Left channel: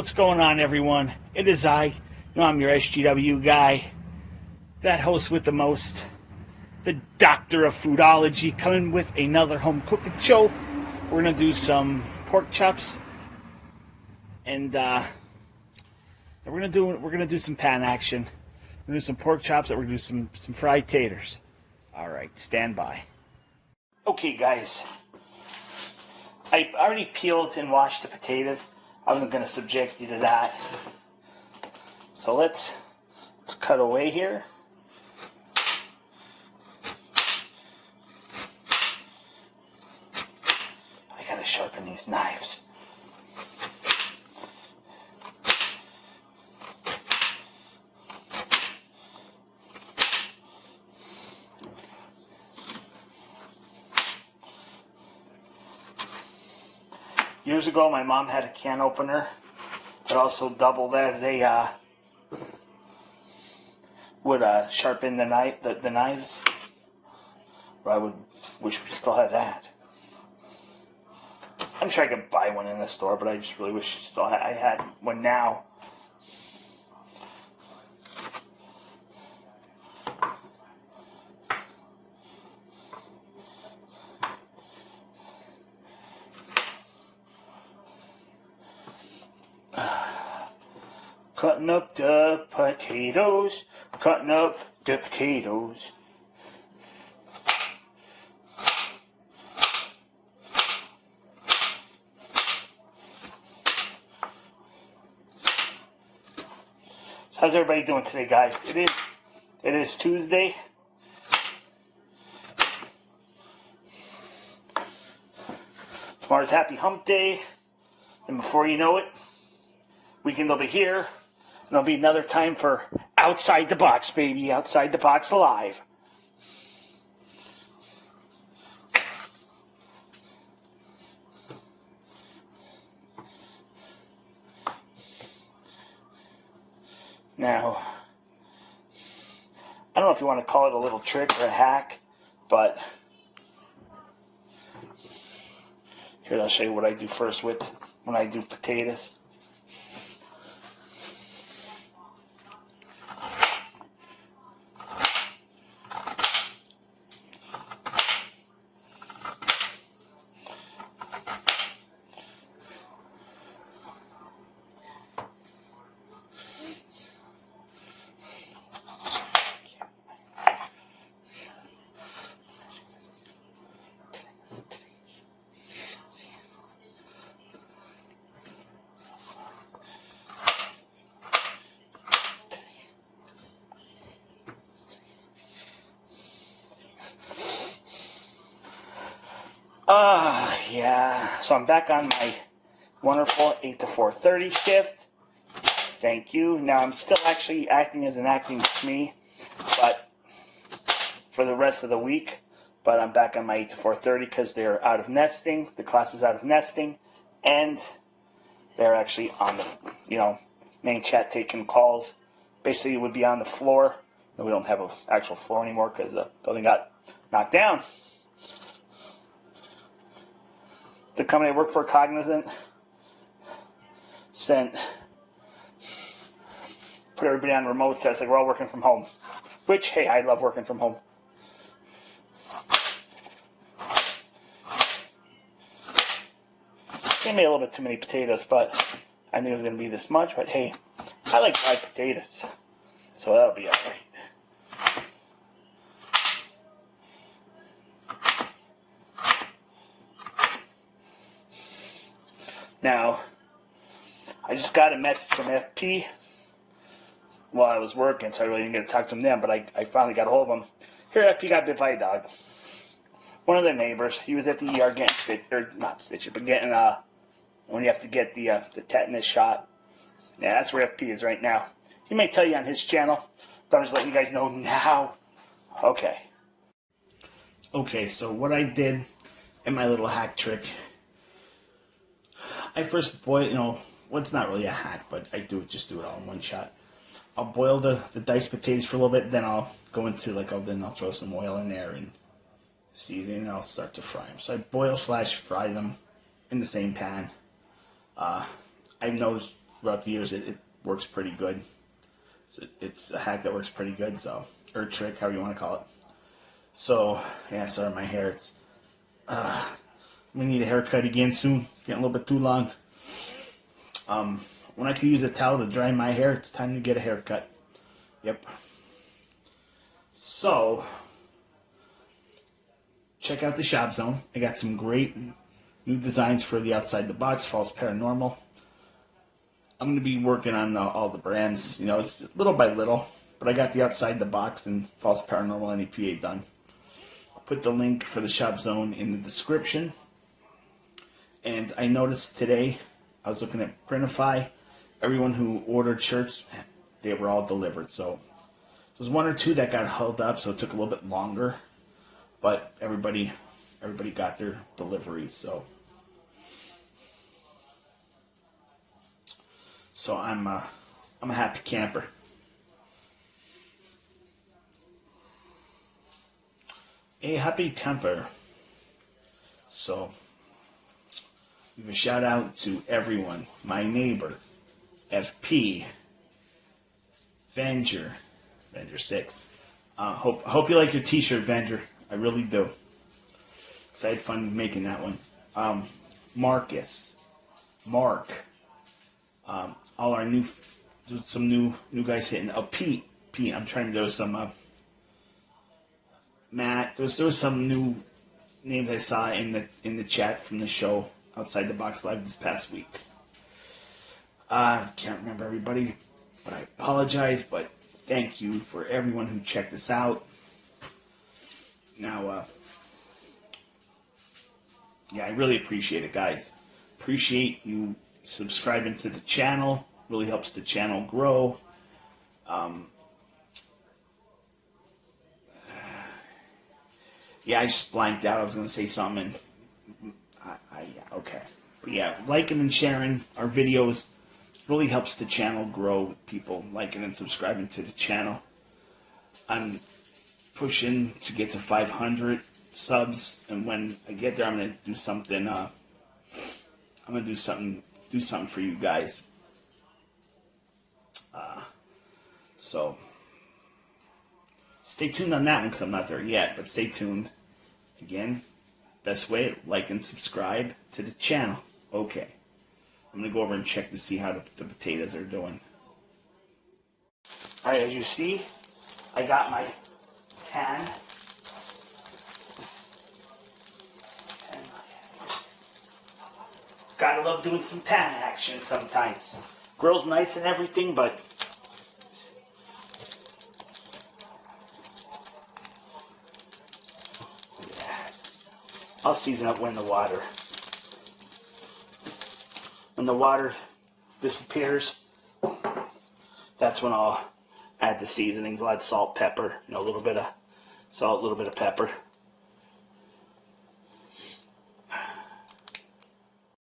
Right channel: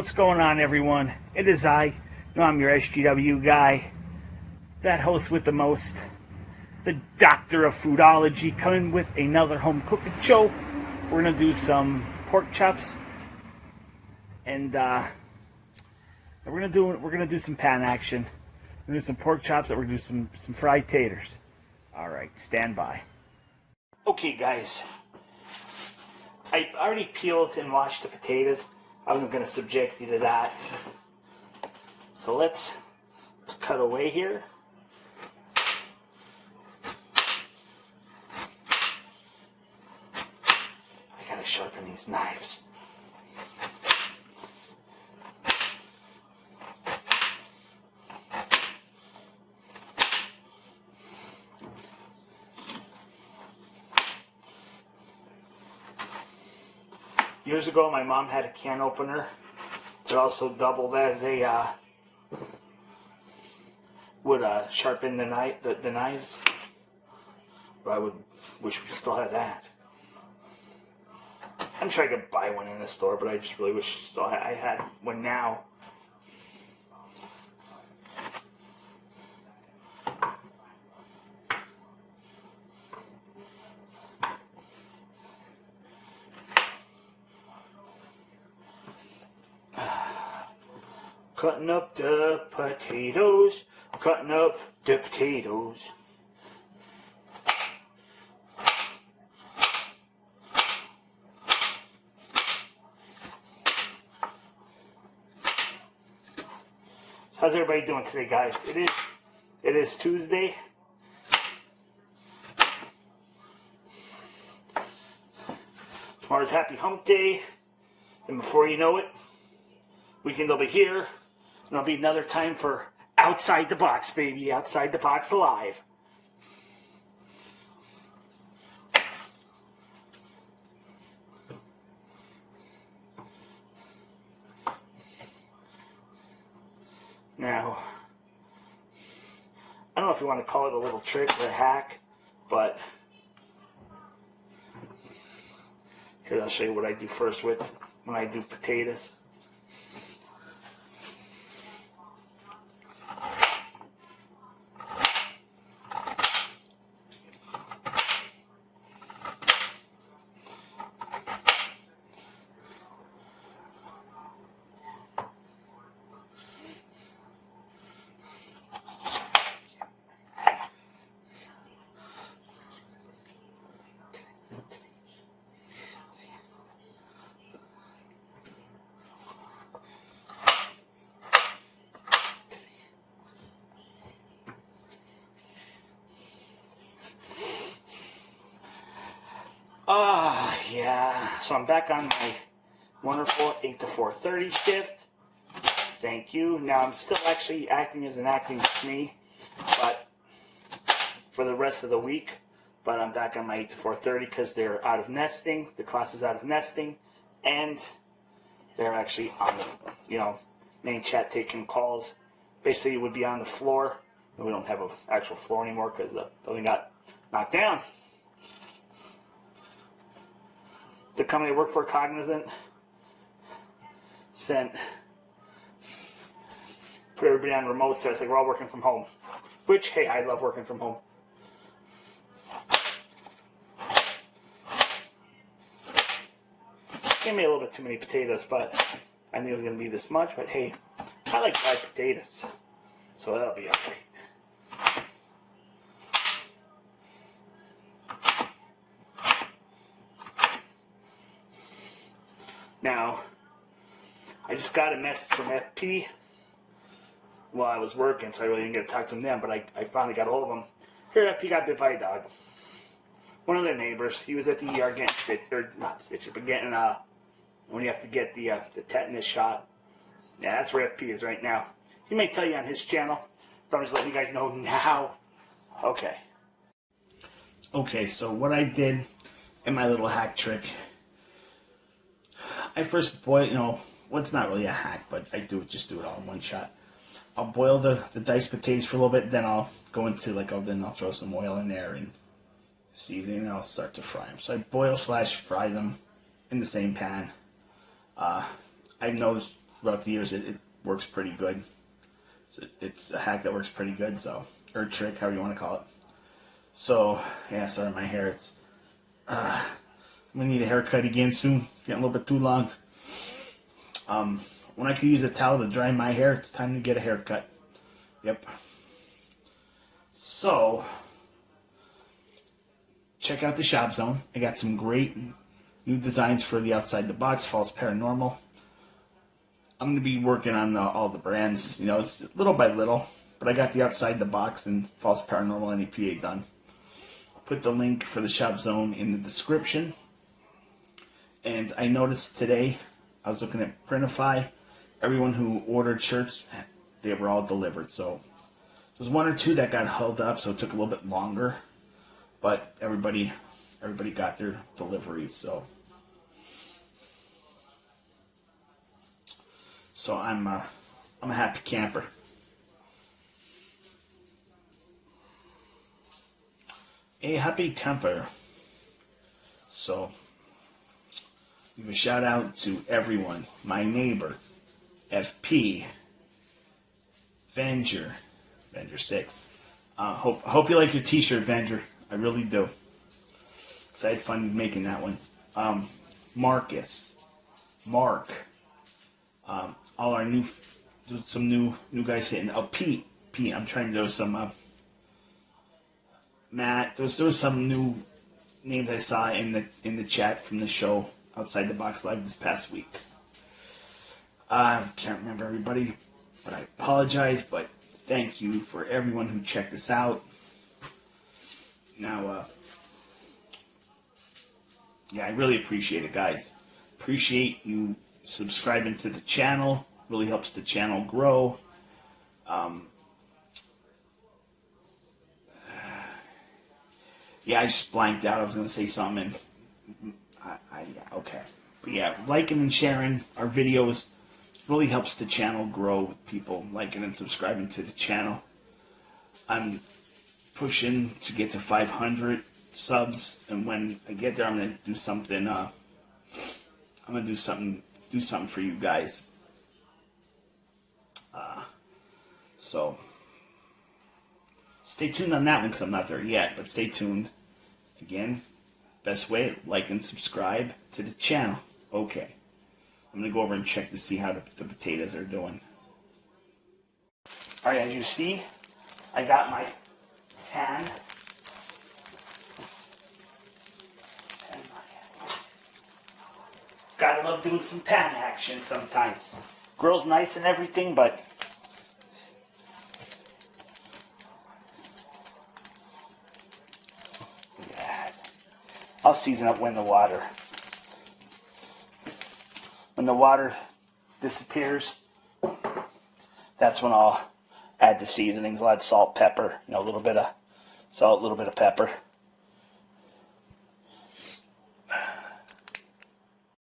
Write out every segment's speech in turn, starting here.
What's going on, everyone? It is I'm your SGW guy, that host with the most, the doctor of foodology, coming with another home cooking show. We're gonna do some pork chops, and we're gonna do some pan action. We're gonna do some pork chops, and we're gonna do some fried taters. All right, stand by. Okay, guys, I already peeled and washed the potatoes. I'm going to subject you to that. So let's cut away here. I gotta sharpen these knives. Years ago, my mom had a can opener that also doubled as a would sharpen the knives. But I would wish we still had that. I'm sure I could buy one in the store, but I just really wish I had one now. Cutting up the potatoes, cutting up the potatoes. How's everybody doing today, guys? It is Tuesday. Tomorrow's Happy Hump Day, and before you know it, weekend will be here. And it'll be another time for Outside the Box, baby. Outside the Box Alive. Now, I don't know if you want to call it a little trick or a hack, but here, I'll show you what I do first when I do potatoes. Yeah, so I'm back on my wonderful 8 to 4:30 shift. Thank you. Now I'm still actually acting as an acting me, but for the rest of the week. But I'm back on my 8 to 4:30 because they're out of nesting. The class is out of nesting, and they're actually on the main chat taking calls. Basically, it would be on the floor. And we don't have an actual floor anymore because the building got knocked down. The company I work for, Cognizant, put everybody on remote sets, like we're all working from home. Which, hey, I love working from home. They made a little bit too many potatoes, but I knew it was going to be this much. But hey, I like fried potatoes, so that'll be alright. Now, I just got a message from FP while I was working, so I really didn't get to talk to him then, but I finally got a hold of him. Here, FP got bit by a dog. One of their neighbors, he was at the ER getting getting, when you have to get the tetanus shot. Yeah, that's where FP is right now. He may tell you on his channel, but I'm just letting you guys know now. Okay, so what I did in my little hack trick, I first boil, it's not really a hack, but I just do it all in one shot. I'll boil the diced potatoes for a little bit, then I'll go into, then I'll throw some oil in there and season, and I'll start to fry them. So I boil / fry them in the same pan. I've noticed throughout the years, it works pretty good. It's a hack that works pretty good, so, or a trick, however you want to call it. So, yeah, sorry, my hair, I'm going to need a haircut again soon. It's getting a little bit too long. When I could use a towel to dry my hair, it's time to get a haircut. Yep. So, check out the Shop Zone. I got some great new designs for the Outside the Box, False Paranormal. I'm going to be working on all the brands, it's little by little, but I got the Outside the Box and False Paranormal NEPA done. I'll put the link for the Shop Zone in the description. And I noticed today, I was looking at Printify, everyone who ordered shirts, they were all delivered. So there was one or two that got held up, so it took a little bit longer, but everybody got their deliveries. So I'm a happy camper. A happy camper. So give a shout out to everyone. My neighbor, FP, Venger 6. Hope you like your t-shirt, Venger. I really do. 'Cause I had fun making that one. Marcus, Mark. All our some new guys hitting. Oh, Pete. I'm trying to do some. Matt. There was some new names I saw in the chat from the show Outside the Box Live this past week. I can't remember everybody, but I apologize. But thank you for everyone who checked us out. Now, yeah, I really appreciate it, guys. Appreciate you subscribing to the channel. Really helps the channel grow. Yeah, I just blanked out. I was going to say something. Okay. But yeah, liking and sharing our videos really helps the channel grow with people liking and subscribing to the channel. I'm pushing to get to 500 subs, and when I get there, I'm going to do something. I'm going to do something for you guys. So stay tuned on that one because I'm not there yet, but stay tuned. Again, best way, like and subscribe to the channel. Okay. I'm going to go over and check to see how the potatoes are doing. Alright, as you see, I got my pan. Gotta love doing some pan action sometimes. Grill's nice and everything, but yeah, I'll season up when the water disappears. That's when I'll add the seasonings. I'll add salt, pepper, a little bit of salt, a little bit of pepper.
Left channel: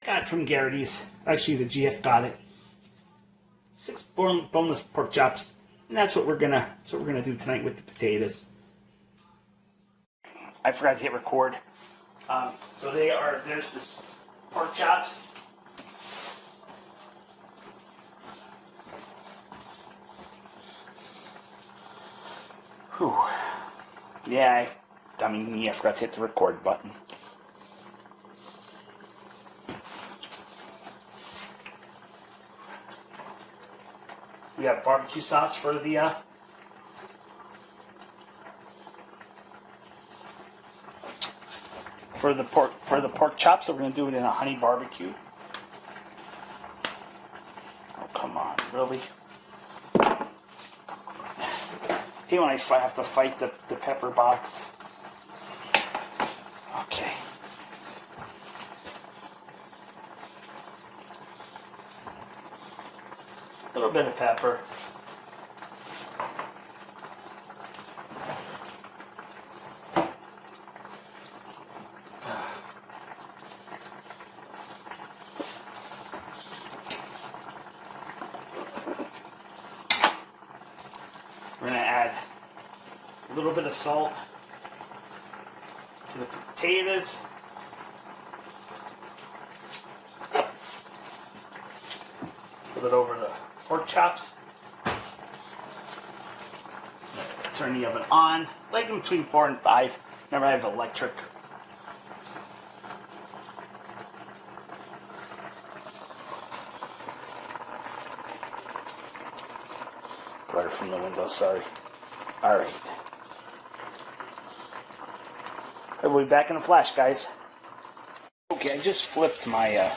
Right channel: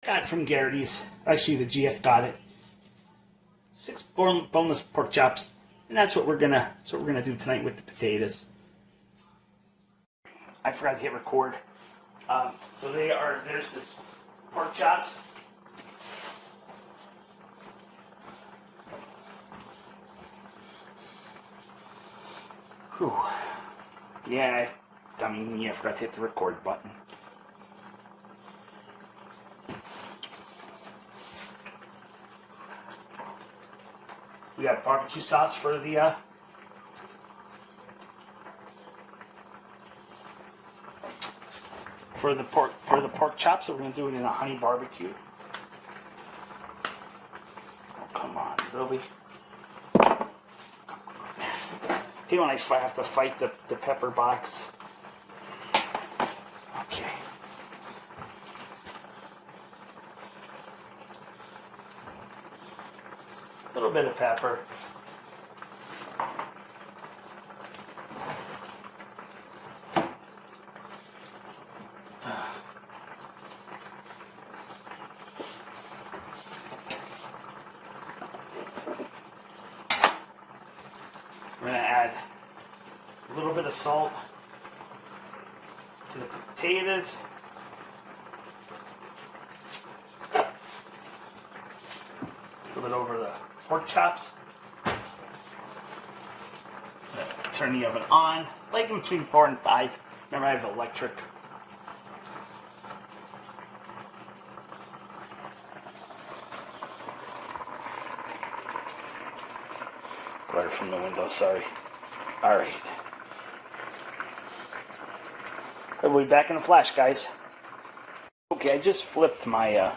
Got it from Garrity's. Actually, the GF got it. 6 boneless pork chops, and that's what we're gonna do tonight with the potatoes. I forgot to hit record. So there's this pork chops. Whew. Yeah, I forgot to hit the record button. We got barbecue sauce for the pork chops. So we're gonna do it in a honey barbecue. Oh, come on, really? You know, I have to fight the pepper box. Okay. A little bit of pepper. We're going to add a little bit of salt to the potatoes. Put it over the pork chops. Turn the oven on, like in between 4 and 5. Remember, I have electric. Water from the window, sorry. Alright. We'll be back in a flash, guys. Okay, I just flipped my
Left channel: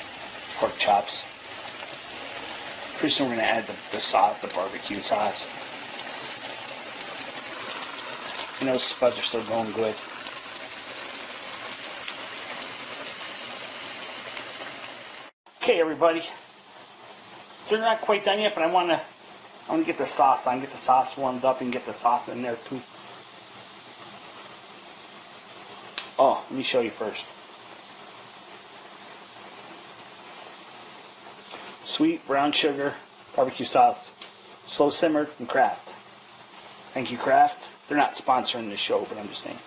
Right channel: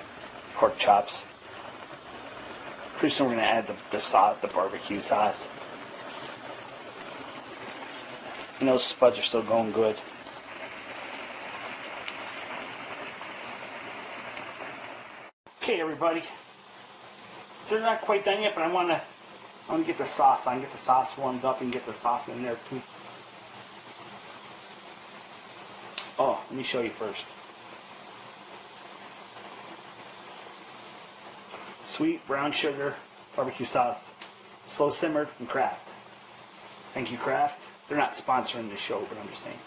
pork chops. Pretty soon we're going to add the sauce, the barbecue sauce. And those spuds are still going good. Okay, everybody. They're not quite done yet, but I want to get the sauce on, get the sauce warmed up, and get the sauce in there too. Oh, let me show you first. Sweet brown sugar barbecue sauce, slow simmered from Kraft. Thank you, Kraft. They're not sponsoring the show, but I'm just saying.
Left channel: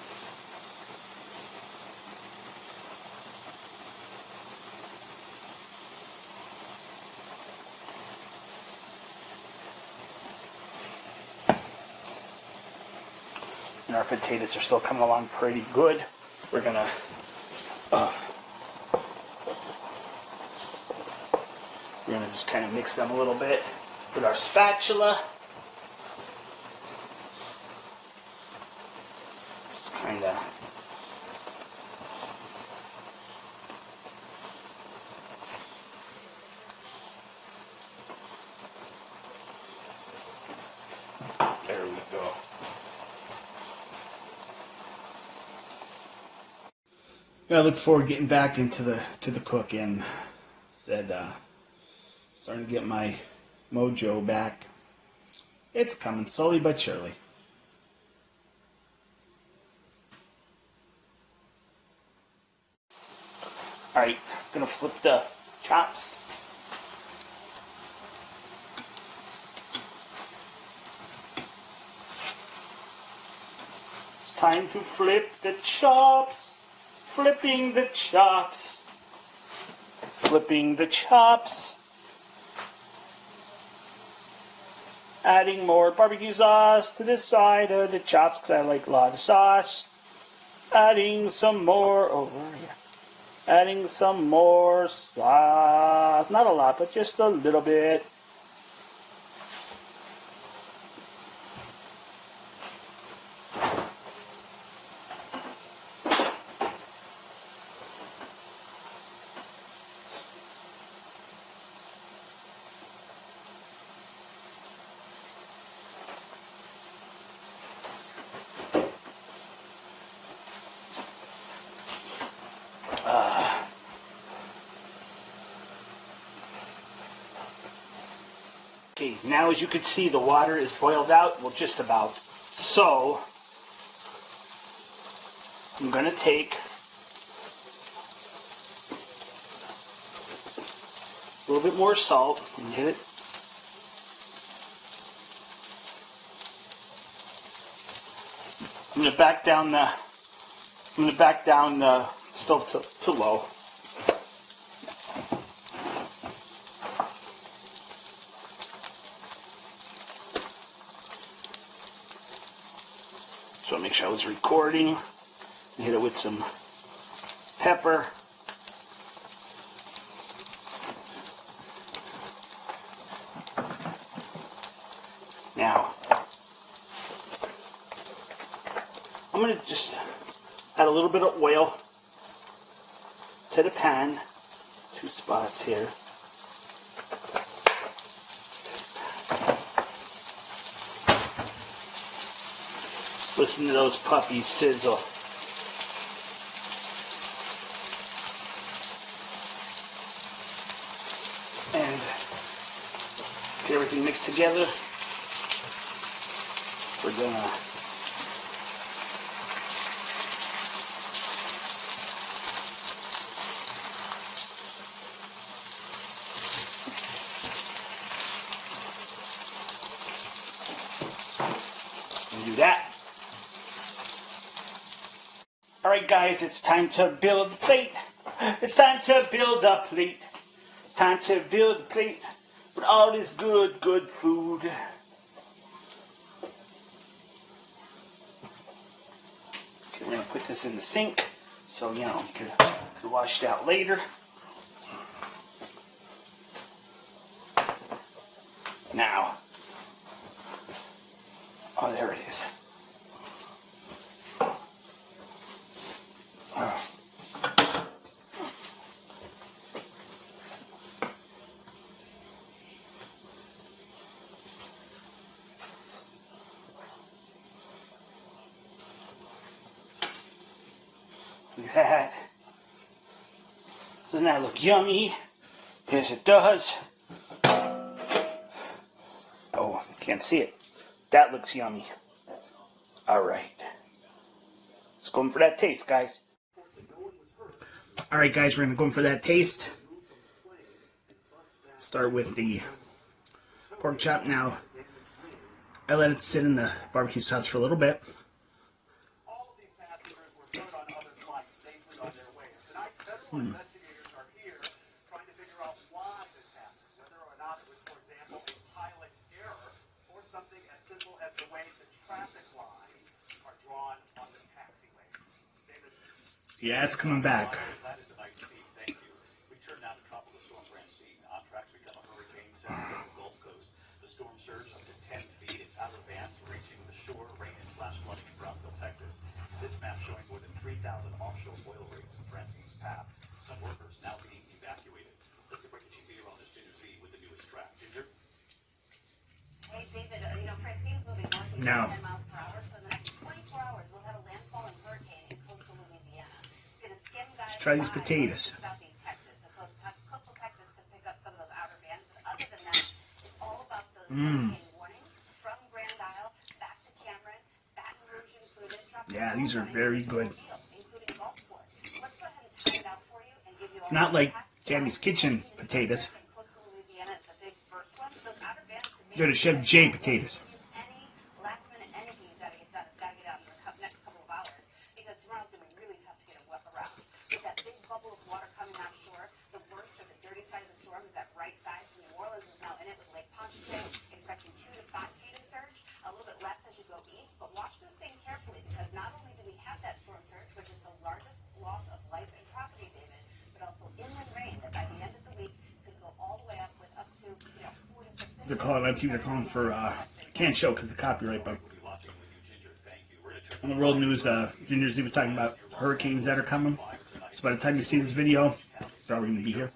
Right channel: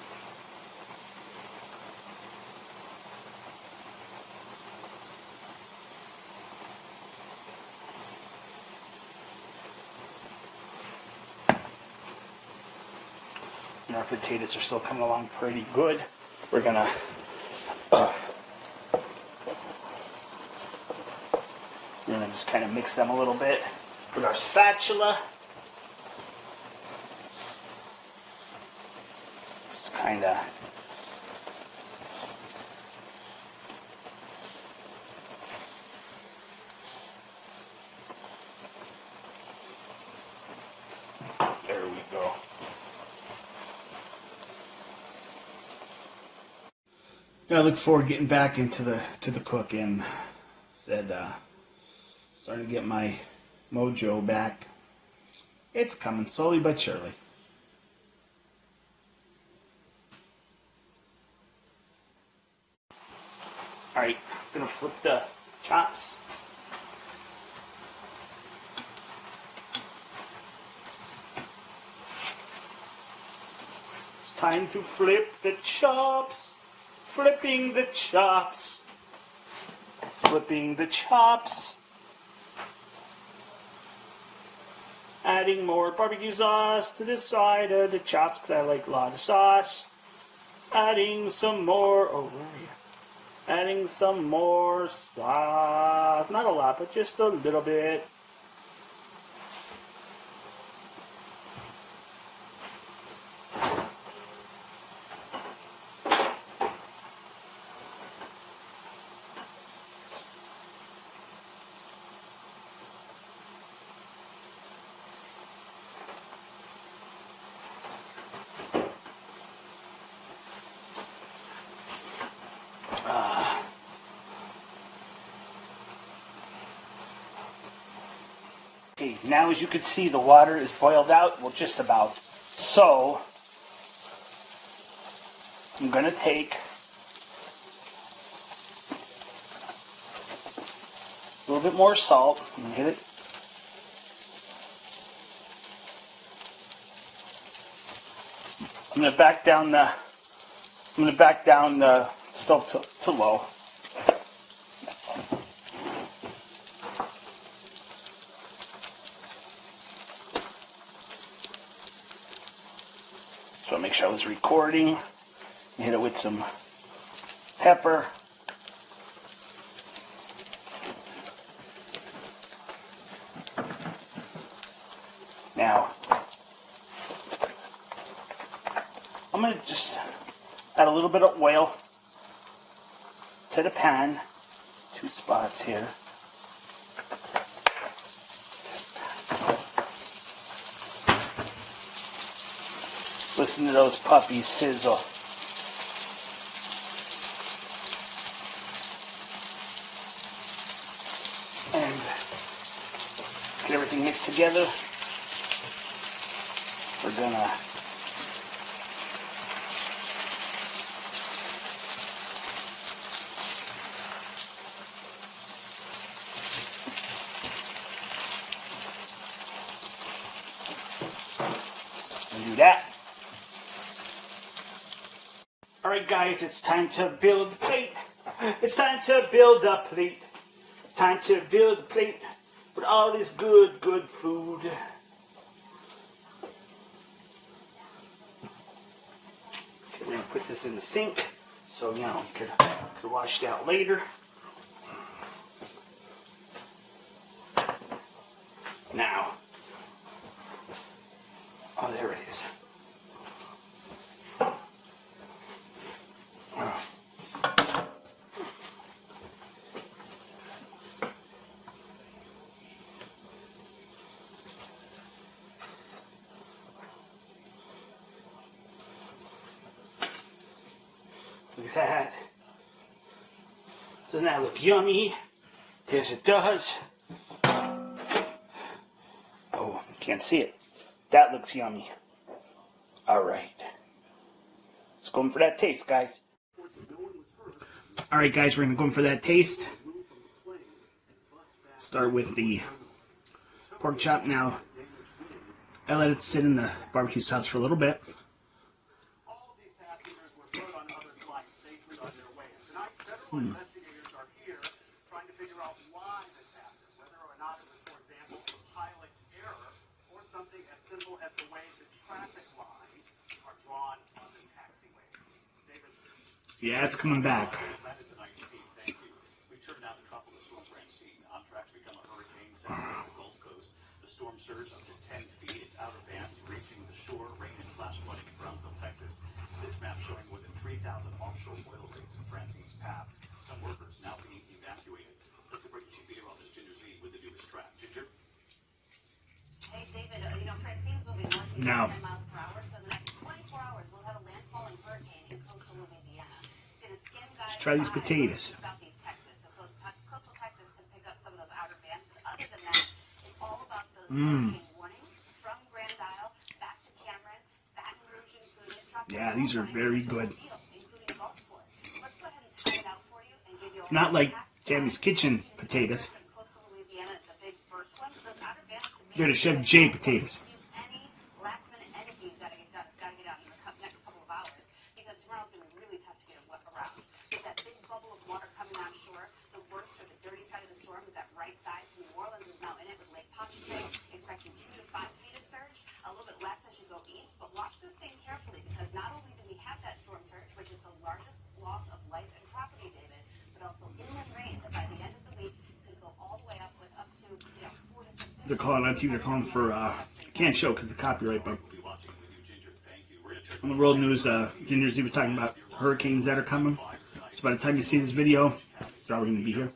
And our potatoes are still coming along pretty good. We're gonna just kind of mix them a little bit with our spatula. Just kind of there we go. I look forward to getting back into the cooking. Starting to get my mojo back. It's coming slowly but surely. Alright, gonna flip the chops. It's time to flip the chops. Flipping the chops. Flipping the chops. Adding more barbecue sauce to the side of the chops because I like a lot of sauce. Adding some more, adding some more sauce. Not a lot, but just a little bit. Okay, now as you can see, the water is boiled out, well, just about. So, I'm going to take a little bit more salt and hit it. I'm going to back down the stove to low. So I make sure I was recording. Hit it with some pepper. Now, I'm going to just add a little bit of oil to the pan. 2 spots here. Listen to those puppies sizzle. And get everything mixed together. We're gonna do that. Alright guys, it's time to build the plate. It's time to build a plate. Time to build a plate. But all this good food. We're gonna put this in the sink, so you know you could wash it out later. Now, oh, there it is. Look at that. Doesn't that look yummy? Yes, it does. Oh, can't see it. That looks yummy. All right. Let's go in for that taste, guys. All right, guys, we're going to go in for that taste. Start with the pork chop. Now, I let it sit in the barbecue sauce for a little bit. Yeah, it's coming back. The storm surged up to 10 feet. It's out of bands, reaching the shore, rain and flash flooding in Brownsville, Texas. This map showing more than 3,000 offshore oil rigs in Francine's path. Some workers now being evacuated. Let's go break the chief video on this Ginger's Eve with the newest track. Ginger? Hey, David, Francine's moving north 10 miles per hour, so in the next 24 hours, we'll have a landfall and hurricane in coastal Louisiana. It's going to skim guys. Let's try these potatoes. Southeast Texas. So coastal Texas can pick up some of those outer bands. But other than that, it's all about those hurricane warnings from Grand Isle back to Cameron, Baton Rouge included. Yeah, these are very good. Not like Tammy's Kitchen potatoes. They're the Chef J potatoes. They're calling on TV. They're calling for can't show because of the copyright, but on the world news, Ginger's was talking about hurricanes that are coming. So by the time you see this video, it's probably going to be here.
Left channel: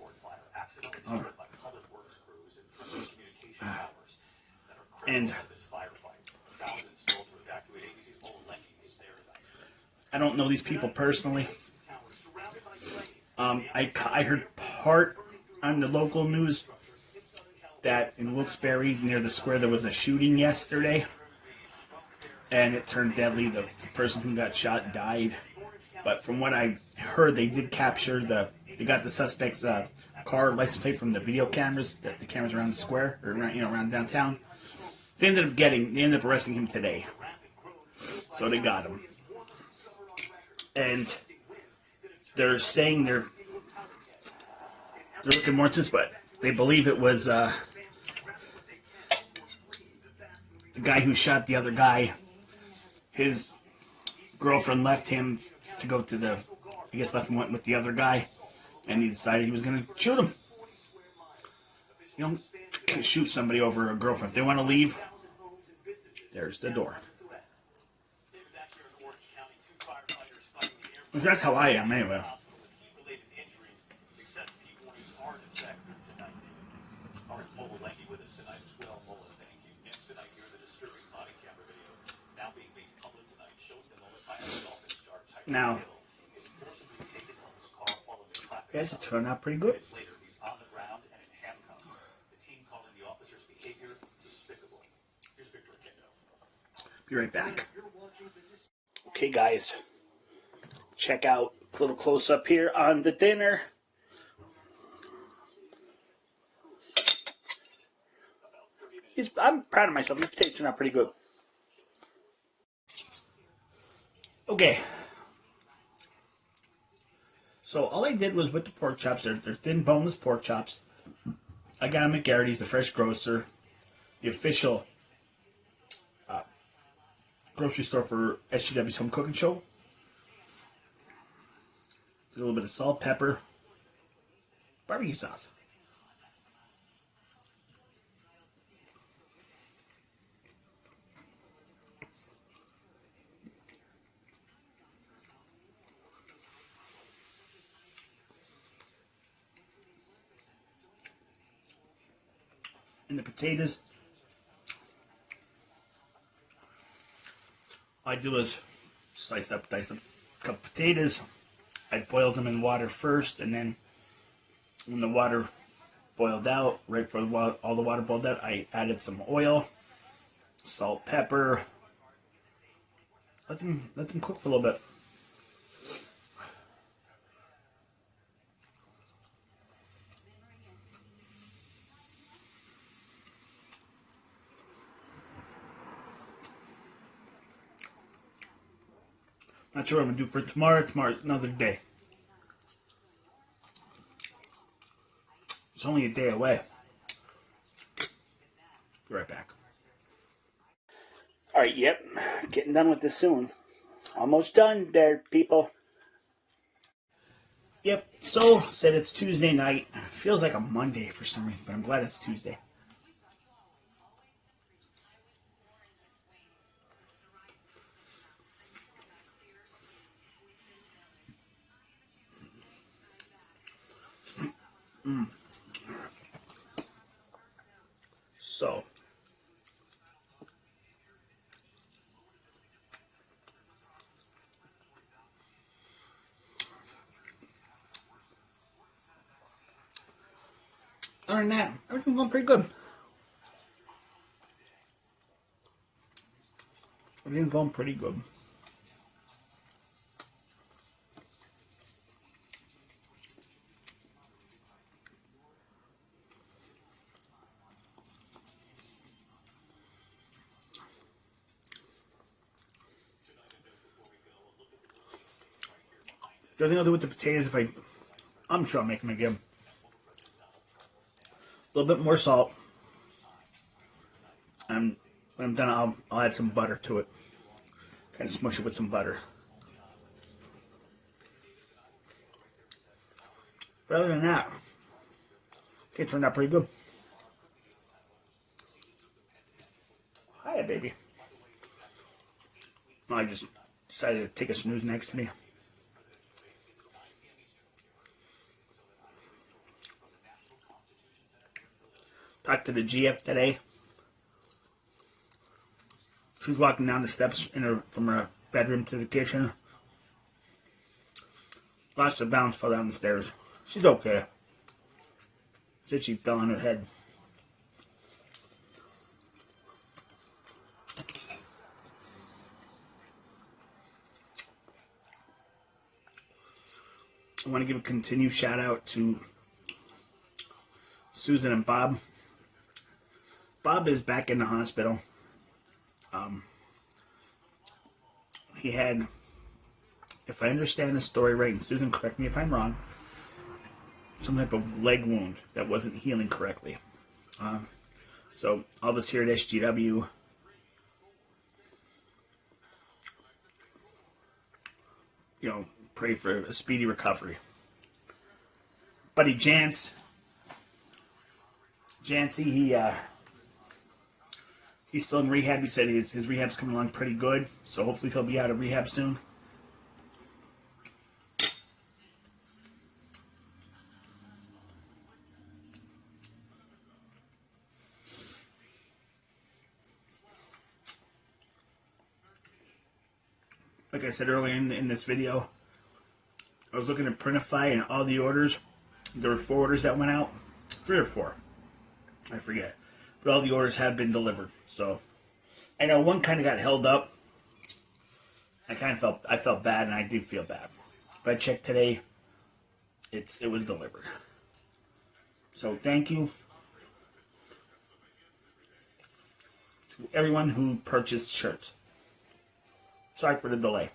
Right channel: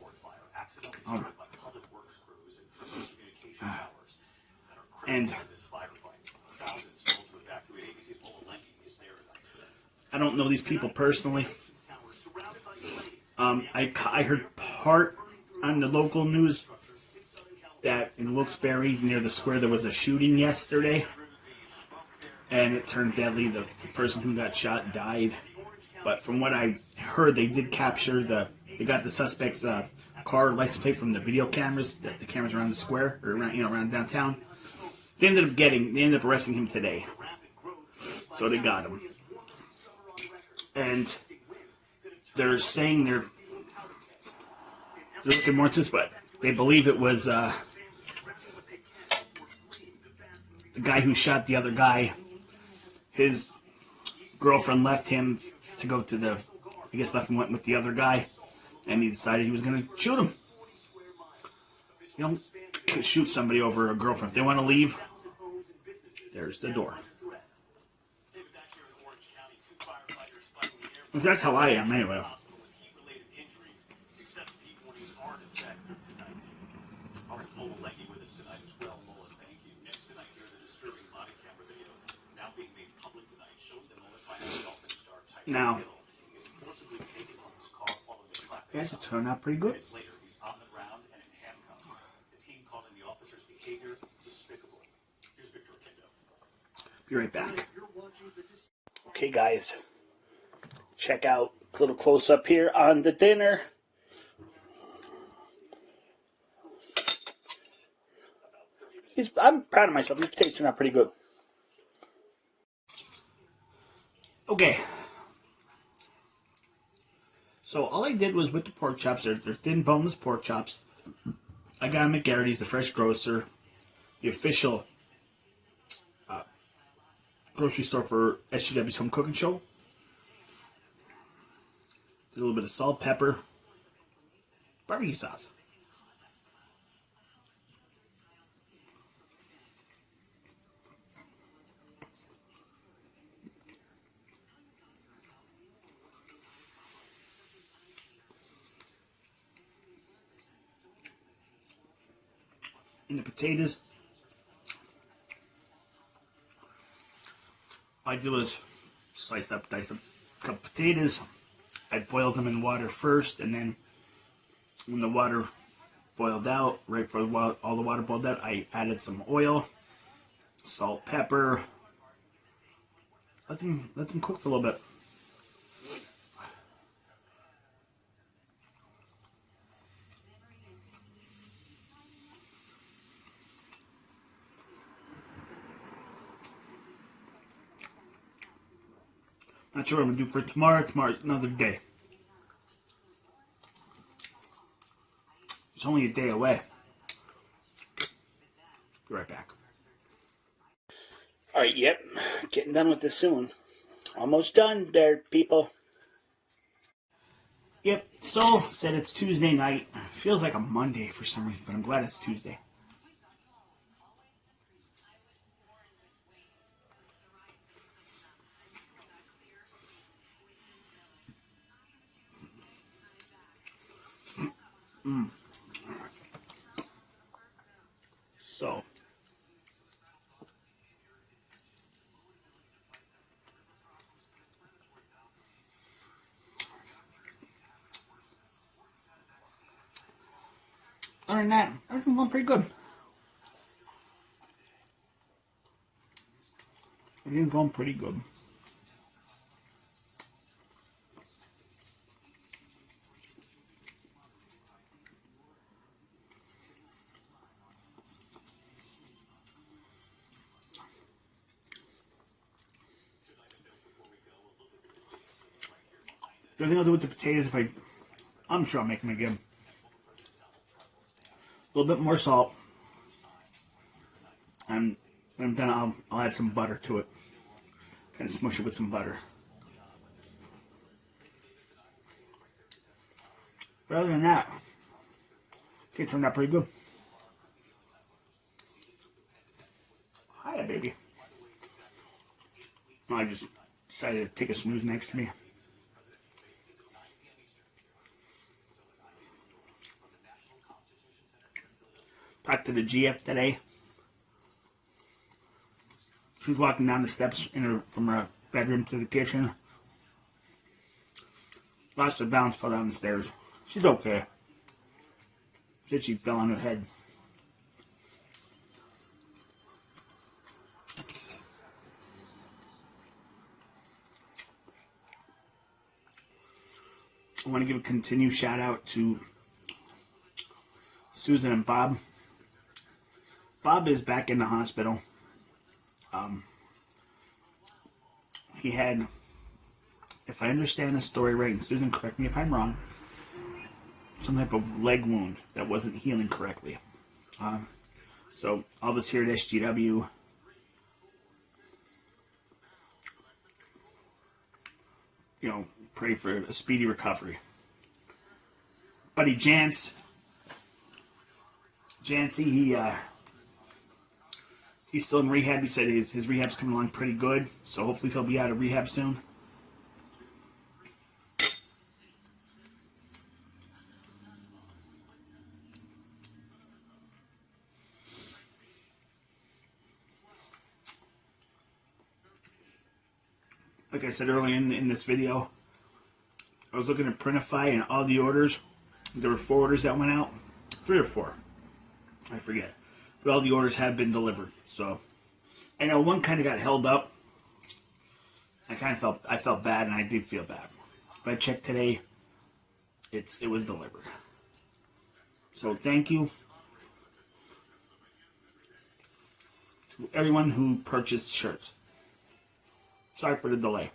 And I don't know these people personally. I heard part on the local news that in Wilkes-Barre, near the square, there was a shooting yesterday, and it turned deadly. The person who got shot died. But from what I heard, they did capture they got the suspect's car license plate from the video cameras, the cameras around the square, or around downtown. They ended up arresting him today. So they got him. And they're saying they're looking more into this, but they believe it was the guy who shot the other guy. His girlfriend left him to go to left and went with the other guy, and he decided he was going to shoot him. You don't shoot somebody over a girlfriend. If they want to leave, there's the door. That's how I am, anyway. Now, yes, it turned out pretty good. Be right back. Okay, guys, check out a little close up here on the dinner. I'm proud of myself. The potatoes turned out pretty good. Okay. So all I did was with the pork chops, they're thin boneless pork chops. I got them at Garrity's, the fresh grocer, the official grocery store for SGW's Home Cooking Show. A little bit of salt, pepper, barbecue sauce. And the potatoes, all I do is dice up a cup of potatoes. I boiled them in water first, and then when the water boiled out, right before all the water boiled out, I added some oil, salt, pepper. Let them cook for a little bit. Not sure what I'm gonna do for tomorrow. Tomorrow's another day. It's only a day away. Be right back. Alright, yep. Getting done with this soon. Almost done there, people. Yep, so said it's Tuesday night. Feels like a Monday for some reason, but I'm glad it's Tuesday. So, other than that, everything's going pretty good. Everything's going pretty good. The other thing I'll do with the potatoes, I'm sure I'll make them again. A little bit more salt. And when I'm done, I'll add some butter to it. Kind of smush it with some butter. But other than that, it turned out pretty good. Hiya, baby. I just decided to take a snooze next to me. Talked to the GF today. She was walking down the steps from her bedroom to the kitchen. Lost her balance, fell down the stairs. She's okay. Said she fell on her head. I want to give a continued shout out to Susan and Bob. Bob is back in the hospital. He had, if I understand the story right, and Susan, correct me if I'm wrong, some type of leg wound that wasn't healing correctly. So all of us here at SGW, pray for a speedy recovery. Buddy Jancy, he's still in rehab. He said his rehab's coming along pretty good, so hopefully he'll be out of rehab soon. Like I said earlier in this video, I was looking at Printify and all the orders. There were 4 orders that went out. 3 or 4. I forget. But all the orders have been delivered. So I know one kind of got held up. I felt bad, and I did feel bad. But I checked today. It was delivered. So thank you to everyone who purchased shirts. Sorry for the delay.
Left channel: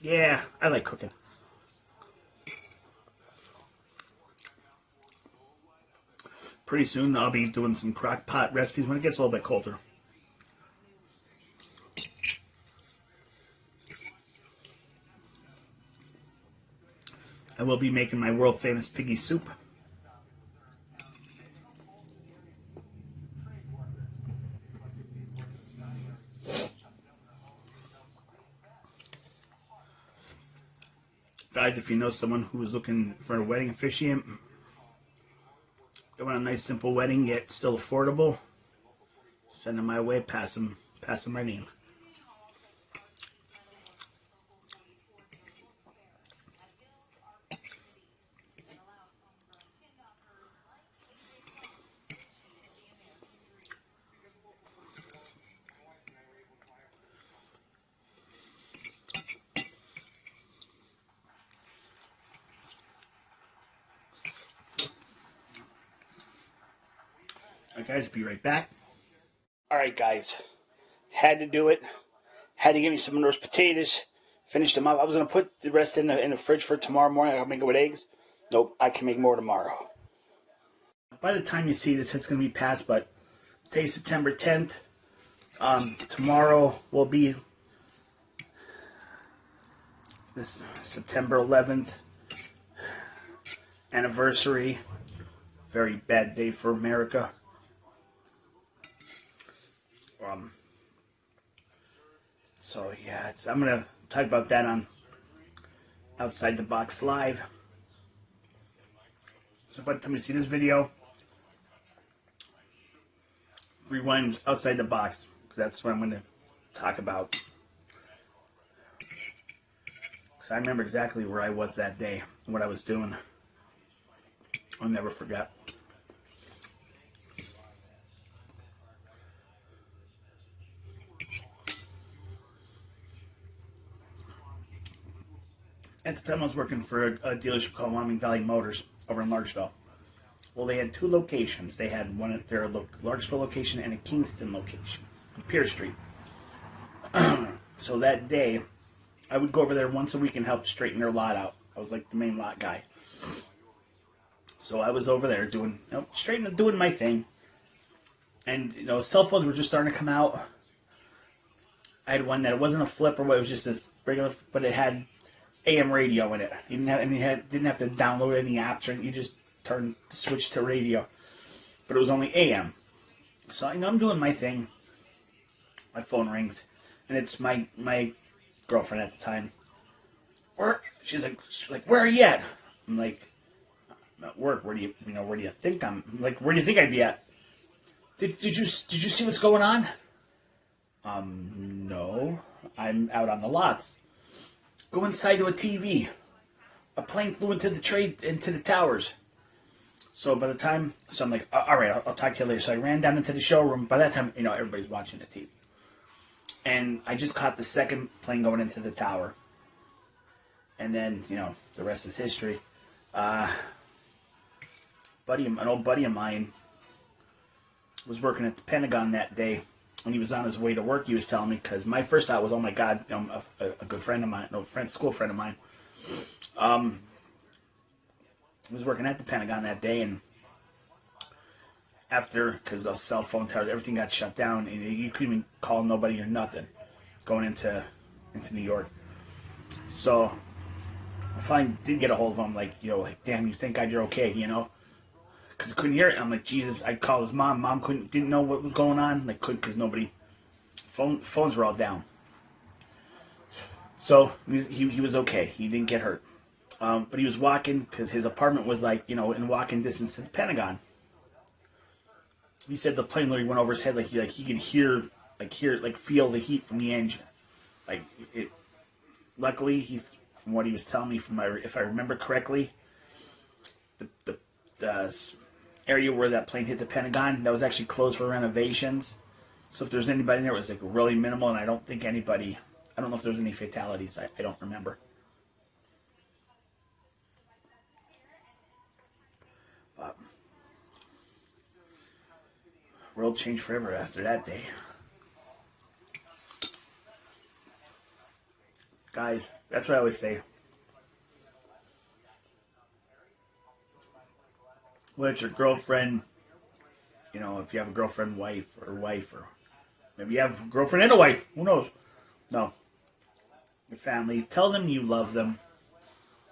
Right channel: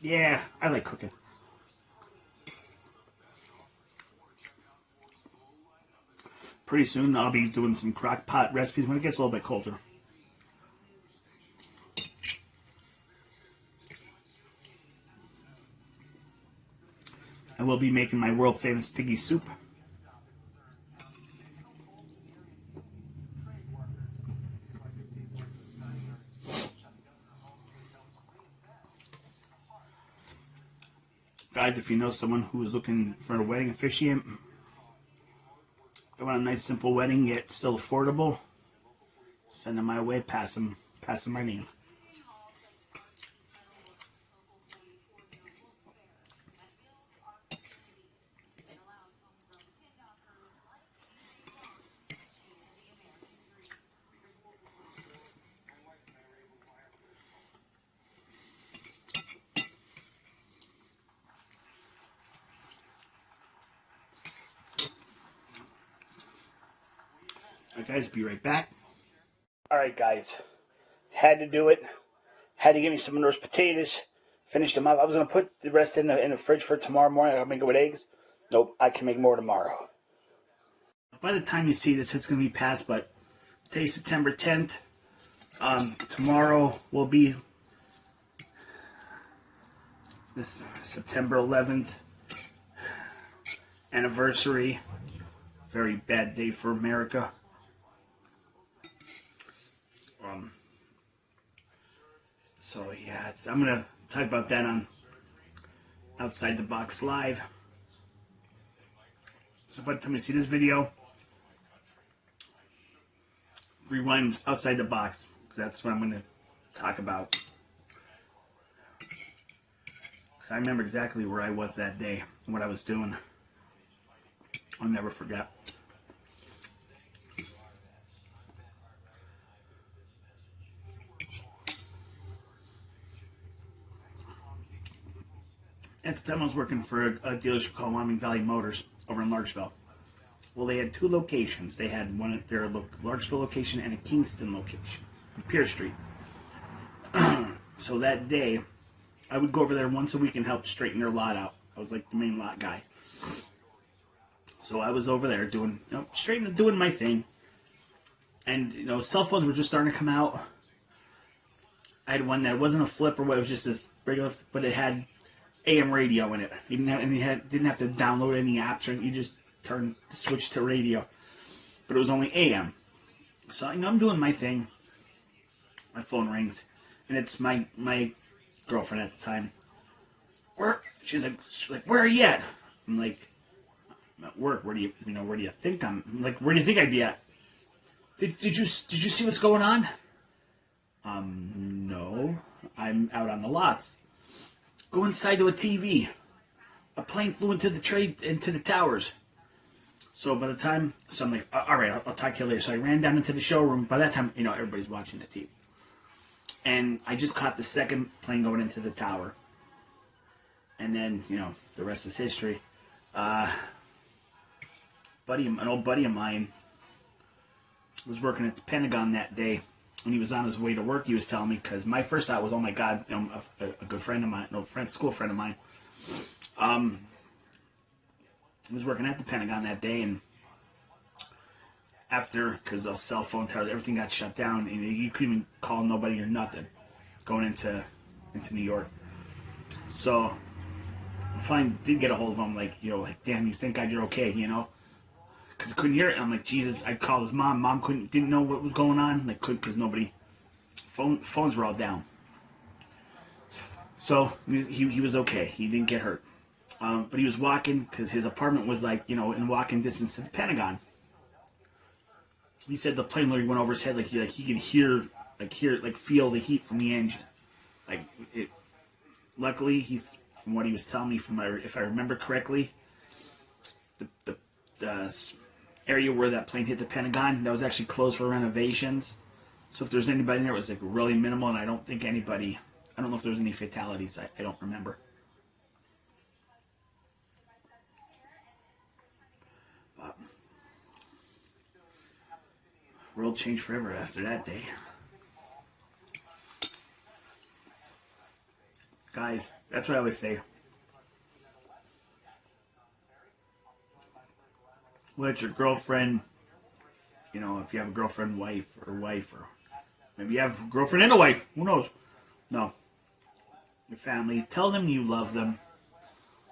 Yeah, I like cooking. Pretty soon I'll be doing some crock pot recipes when it gets a little bit colder. I will be making my world famous piggy soup. Guys, if you know someone who is looking for a wedding officiant, they want a nice simple wedding yet still affordable, send them my way, pass them my name. Alright guys, be right back. Alright guys, had to do it. Had to get me some of those potatoes. Finished them up. I was going to put the rest in the fridge for tomorrow morning. I'll make it with eggs. Nope, I can make more tomorrow. By the time you see this, it's going to be past, but today's September 10th. Tomorrow will be this September 11th anniversary. Very bad day for America. So yeah, I'm gonna talk about that on Outside the Box Live. So by the time you see this video, rewind Outside the Box, because that's what I'm gonna talk about. Because I remember exactly where I was that day and what I was doing. I'll never forget. At the time, I was working for a dealership called Wyoming Valley Motors over in Larksville. Well, they had two locations. They had one at their Larksville location and a Kingston location on Pierce Street. So that day, I would go over there once a week and help straighten their lot out. I was like the main lot guy. So I was over there doing my thing. And, cell phones were just starting to come out. I had one that wasn't a flip or what, it was just this regular, but it had AM radio in it. You didn't have to download any apps or you just switch to radio. But it was only AM. So I'm doing my thing. My phone rings, and it's my girlfriend at the time. She's like, where are you at? I'm like, I'm at work. Where do you think I'm? Like, where do you think I'd be at? Did you see what's going on? No, I'm out on the lots. Go inside to a TV. A plane flew into the towers. So by the time, I'm like, all right, I'll talk to you later. So I ran down into the showroom. By that time, everybody's watching the TV. And I just caught the second plane going into the tower. And then, the rest is history. An old buddy of mine was working at the Pentagon that day. When he was on his way to work, he was telling me, because my first thought was, oh my God, a good friend of mine, school friend of mine, he was working at the Pentagon that day, and after, because the cell phone towers, everything got shut down, and you couldn't even call nobody or nothing going into New York. So I finally did get a hold of him, like, damn, you thank God you're okay, because I couldn't hear it. I'm like, Jesus. I called his mom. Mom didn't know what was going on. Like, couldn't, because phones were all down. So he was okay. He didn't get hurt. But he was walking because his apartment was like, in walking distance to the Pentagon. He said the plane literally went over his head, like he could feel the heat from the engine. Like it. Luckily, from what he was telling me, if I remember correctly, the area where that plane hit the Pentagon, that was actually closed for renovations. So if there's anybody in there, it was like really minimal, and I don't know if there's any fatalities. I don't remember. But World changed forever after that day. Guys, that's what I always say. Whether it's your girlfriend, you know, if you have a girlfriend, wife, or maybe you have a girlfriend and a wife, who knows? No. Your family, tell them you love them,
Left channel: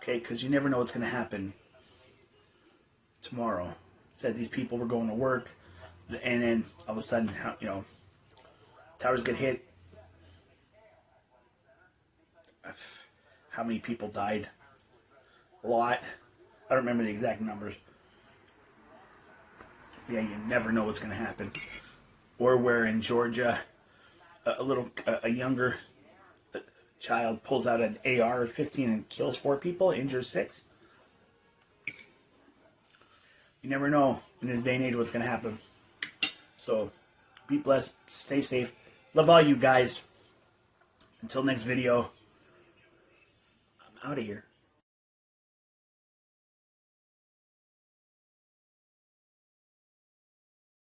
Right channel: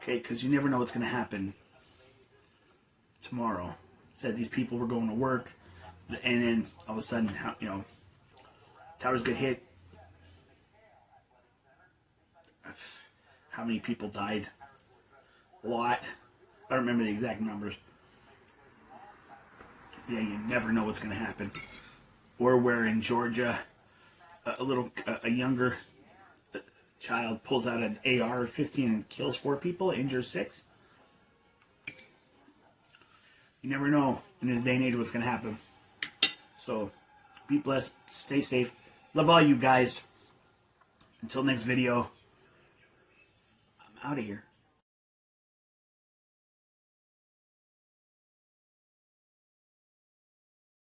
okay? Because you never know what's going to happen tomorrow. Said these people were going to work, and then all of a sudden, you know, towers get hit. How many people died? A lot. I don't remember the exact numbers. Yeah, you never know what's going to happen. Or where in Georgia, a younger child pulls out an AR-15 and kills 4 people, injures 6. You never know in this day and age what's going to happen. So, be blessed, stay safe. Love all you guys. Until next video, I'm out of here.